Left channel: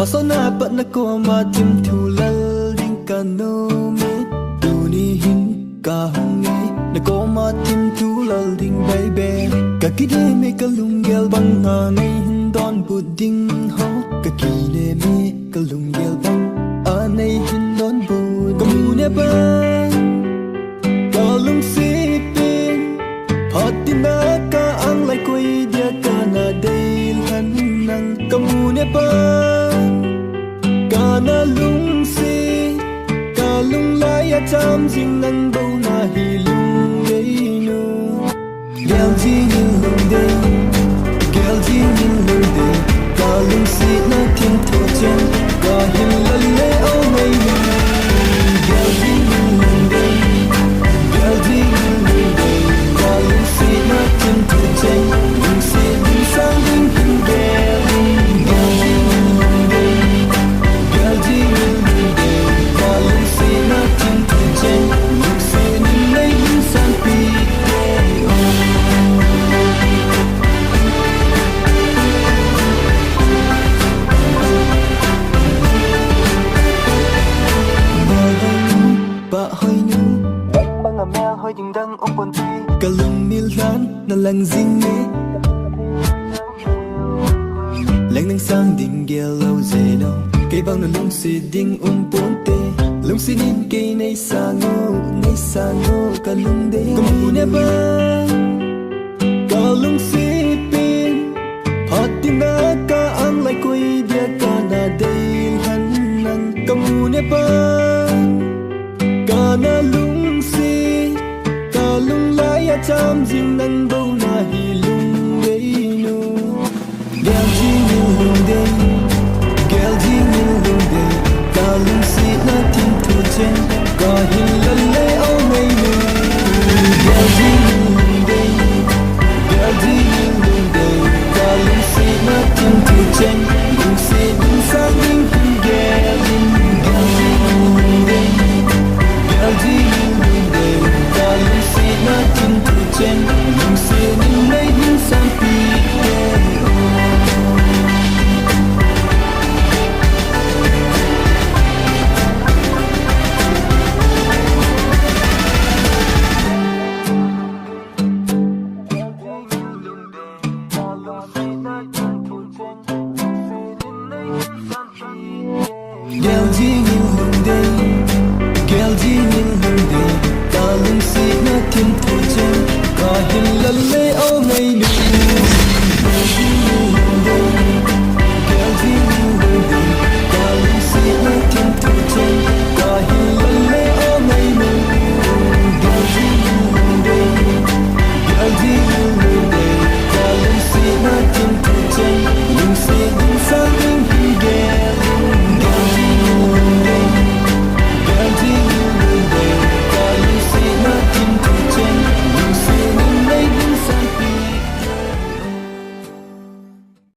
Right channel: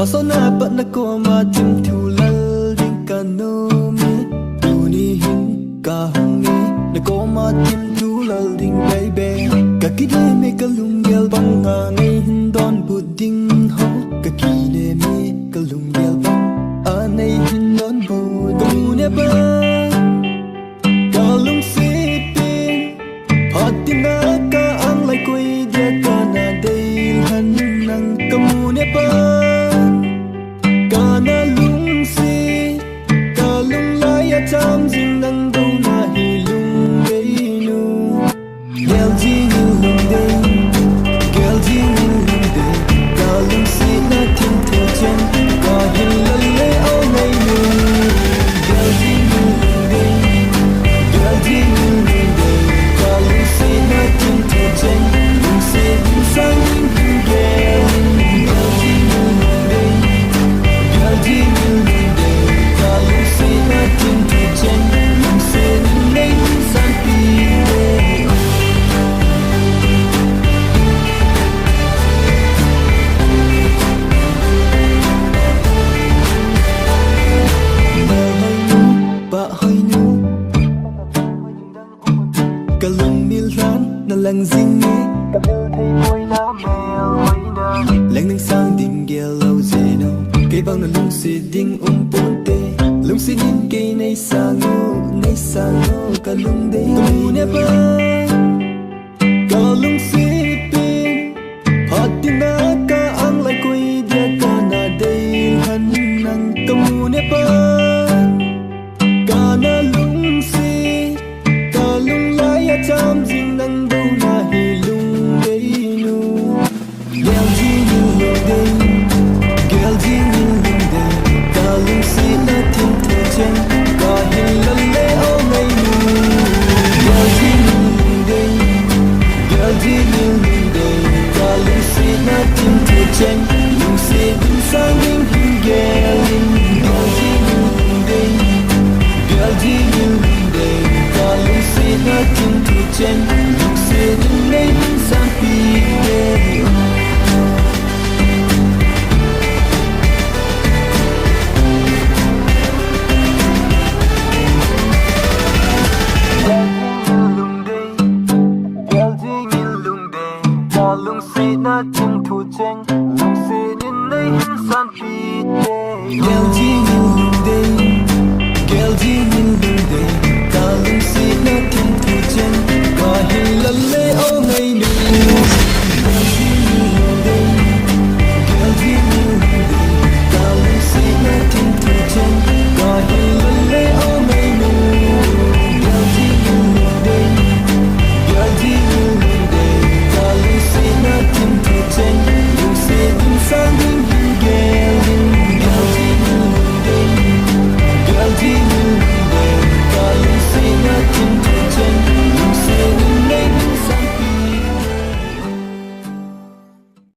Pasona pat na ko ma tim thu lal ding ka no me tu ni hin ka hunge na ko ma tim thu lal ding baby ka kide me ka lungel bang nga nei hin don bu ding ho ka kine me ka lungel bang a nei hin don bu ka mu ne ba ka lung si pin Patina ka ang lai koi dia ka na dei han nang ka mu ne pa ka na lung si ka lung lai ya cham jing nang do na hi lung dei nu gel jing in lung dei gel jing in lung dei ka lung si na tim tho chen ka hin la le au nei nu gel jing in lung dei gel jing in lung dei lung si na kim thu chen lung si din sang ding hin gelin gel jing in lung dei gel jing in lung dei ka lung si na kim thu chen lung si din nei hin san pi te ba hoi nu bang a mel hoi ding dang op on ti ka lung mil lan na lang zing me ka mel thei boy na mel hoi na leng nang sang ding gel lo zeno ke bang na lung si ding ponte lung si nin ke nei sa ngo ka lung de ka mu ne ba ka lung si pin patina ka ang lai koi dia ka na dei han nang ka mu ne ba ka na lung si ka lung lai ya cham jing nang bo na hi lung dei nu gel jing in lung dei gel jing in lung dei ka lung si na tim thu chen ka hin la le au nei nu gel jing in lung dei gel jing in lung dei ka lung si na tim thu chen lung si din sang ding hin gelin gel jing in lung dei gel jing in lung dei ka lung si na kim thu chen lung si din nei hin san pi te gel jing in lung dei ka lung si na kim thu chen lung si din nei hin san pi te gel jing in lung dei gel jing in lung dei ka lung si na kim thu chen ka hin la le au ngai nu gel jing in lung dei gel jing in lung dei ka lung si na kim thu chen ka hin la le au ngai nu gel jing in lung dei gel jing in lung dei ka lung si na kim thu chen lung si din sang ding hin gelin